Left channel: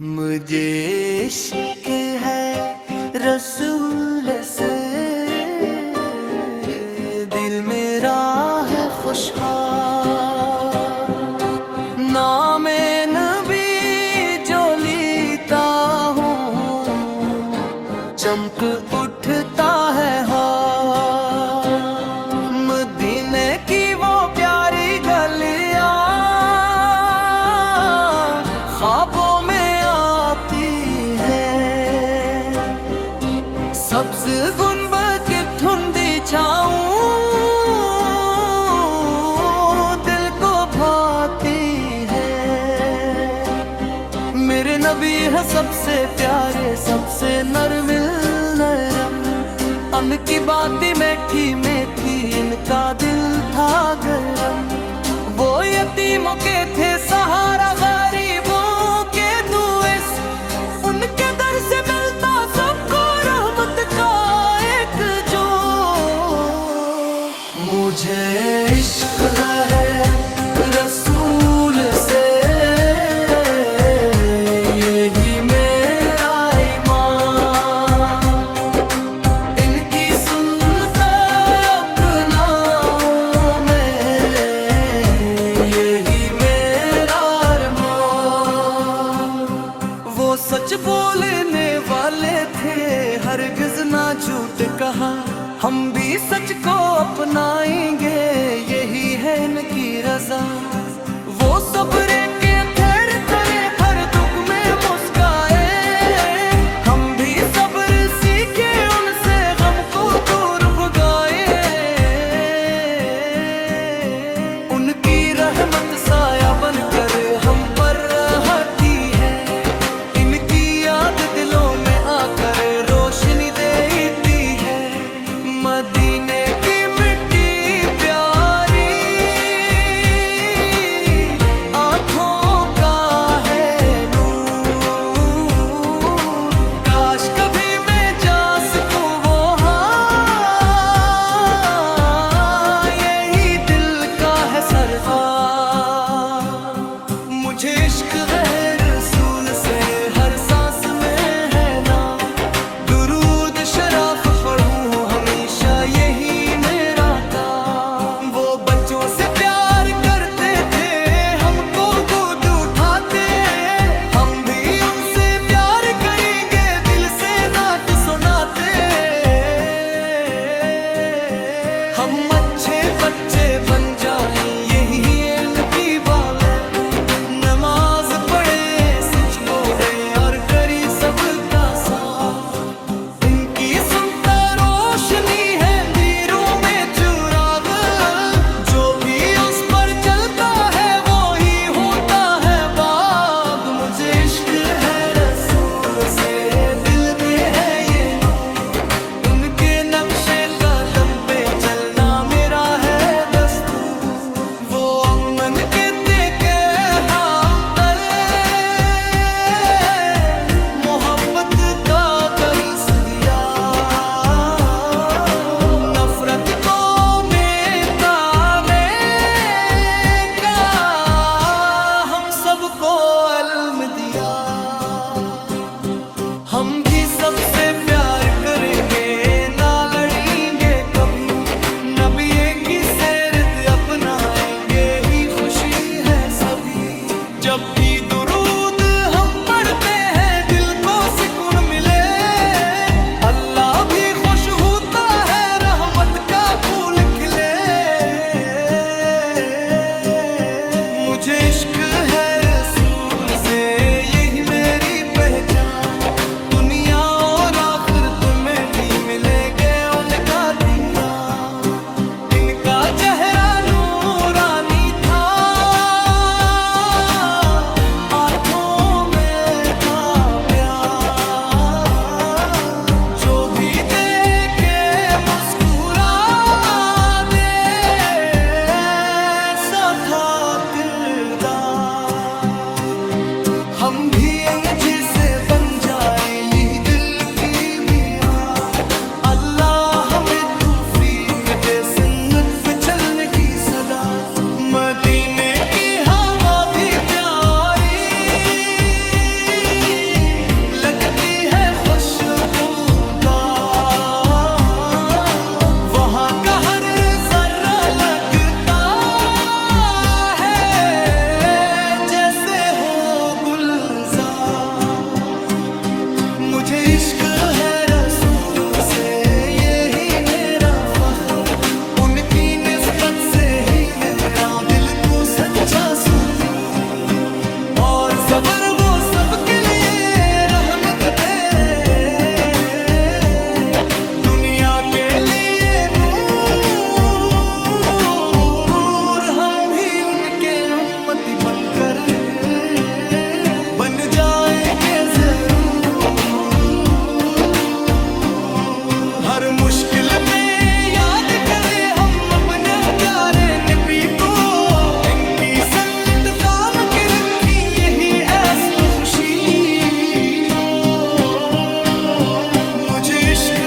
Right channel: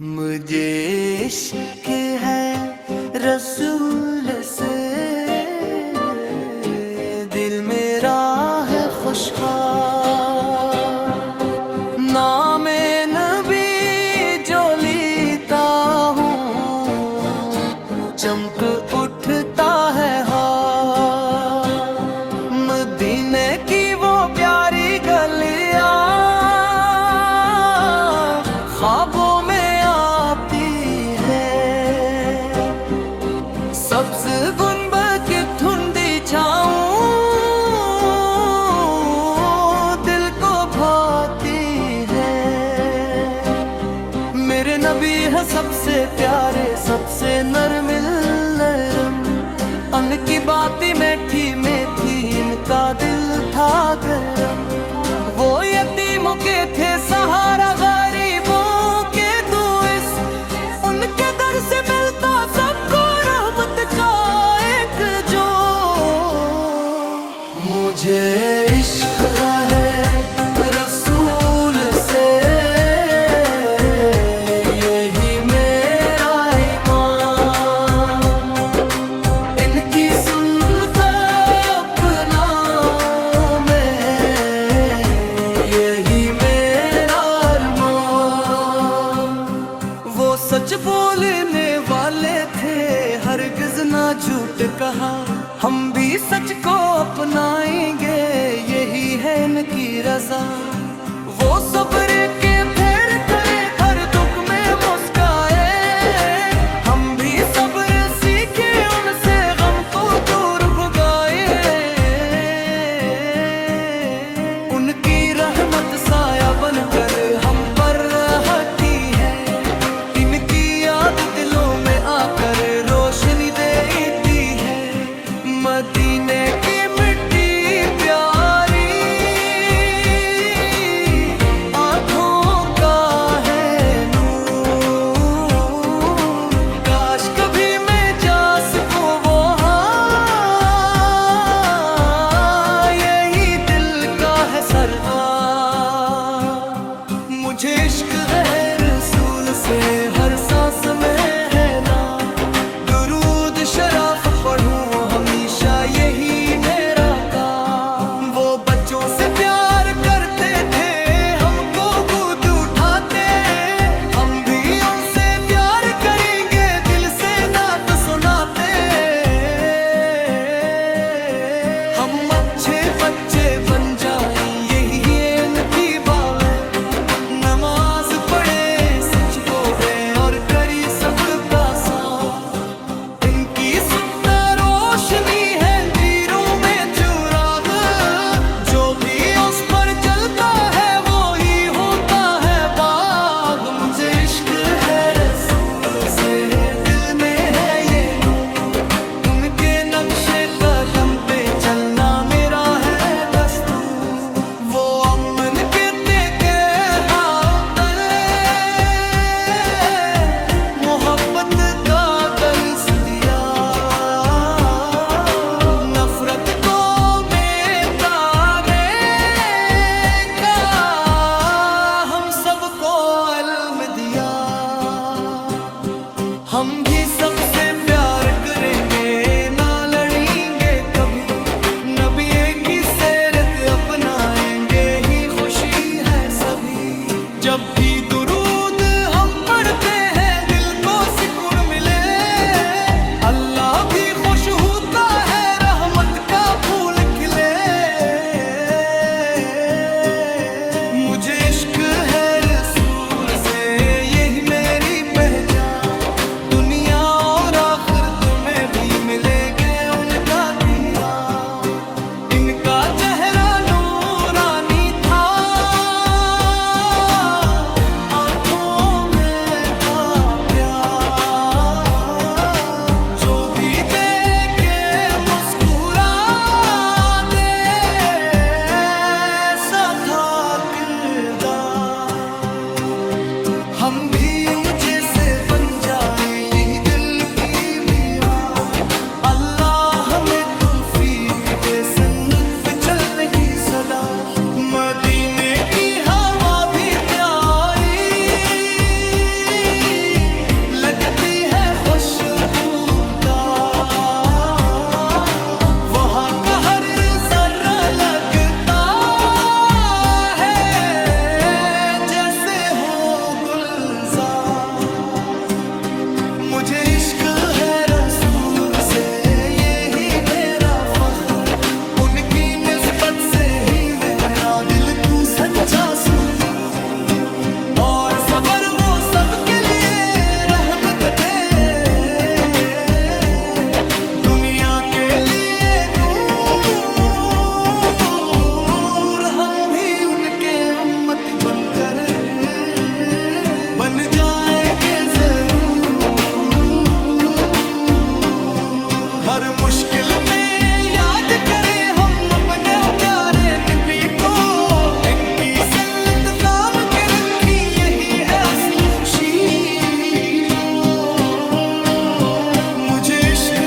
मुझे इश्क है रसूल से, दिल मेरा है खुशहाल। नामे नबी जो लेता हूँ, चमक उठता है हाल। मदीने की वो प्यारी गलियाँ ख्वाबों में आती है, सब्ज गुंबद की धुंधी छाऊं दिल को भाती है। मेरे नबी है सबसे प्यारे, सबसे नरमिल नरम। उनकी बातें मीठी मीठी, इनका दिल था गरम। वो यतीमों के थे सहारा, गरीबों के दुइस। उनके दर से मिलता सबको रहमत का एक जो। मुझे इश्क है रसूल से, यही मेरा ईमान। इनकी सुनता अपनाओं में, यही मेरा अरमान। वो सच बोलने वाले थे, हरगिज ना झूठ कहा। हम भी सच को अपनाएंगे, यही है इनकी रजा। वो सब्र के फेर करे, हर दुख में मुस्काए। हम भी सब्र सीखे उनसे, गम को दूर भगाए। उनकी रहमत साया बनकर हम पर रहती है, इनकी याद दिलों में आकर रोशनी देती है। मदीने की मिट्टी प्यारी, आँखों का है नूर। काश कभी मैं जा सकूं वो हाँ, यही दिल का है सरवार। मुझे इश्क है रसूल से, हर सांस में है ना। दुरूद शराफ पढ़ूं हमेशा, यही मेरा काम। वो बच्चों से प्यार करते थे, हमको गोद उठाते। हम भी उनसे प्यार करेंगे, दिल से नात सुनाते। हम अच्छे बच्चे बन जाएं, यही इनकी बाले। नमाज पढ़े, सच बोले और करी सबका साथ। इनकी सुनता रोशनी है अंधेरों में चुराग। जो भी उस पर चलता है, वो ही होता है बाग। मुझे इश्क है रसूल से, दिल में है ये नूर। उनके नक्शे कदम पे चलना मेरा है दस्तूर। वो अमन के तेके हाव तले, मोहब्बत का दर्स दिया। नफरत को मिटाने का हम सबको इल्म दिया। हम भी सबसे प्यार करेंगे, ना लड़ेंगे कभी। नबी की सीरत अपनाएंगे, ही खुशी है सभी। जब भी दुरूद हम पढ़ते हैं, दिल को सुकून मिले। अल्लाह भी खुश होता है, रहमत का फूल खिले। मुझे इश्क है रसूल से, यही मेरी पहचान। दुनिया और आखिरत में भी मिलेंगे उनका दीरा। इनका चेहरा नूरानी था, आंखों में था प्यार। जो भी देखे मुस्कुरा दे, ऐसा था किरदार। हम भी जैसे बन जाए, यही दिल की भी आस। अल्लाह हमें तौफीक दे, सुन्नत पे चलने की सदा। मदीने की हवा भी प्यारी, गुलजार। मुझे इश्क है रसूल से, यही मेरा फख्र, उनकी निस्बत से ही मेरा दिल तू सच्चा सुकून। और सबर वो सबके लिए रहमत थे, दुनिया के लिए नूर। हम भी उनके उम्मती बनकर बन जाएंगे जरूर। हर मुश्किल में याद करें हम अपने प्यारे नबी को, इनकी सन्नत काम के रखी यही असल खुशी को। मुझे इश्क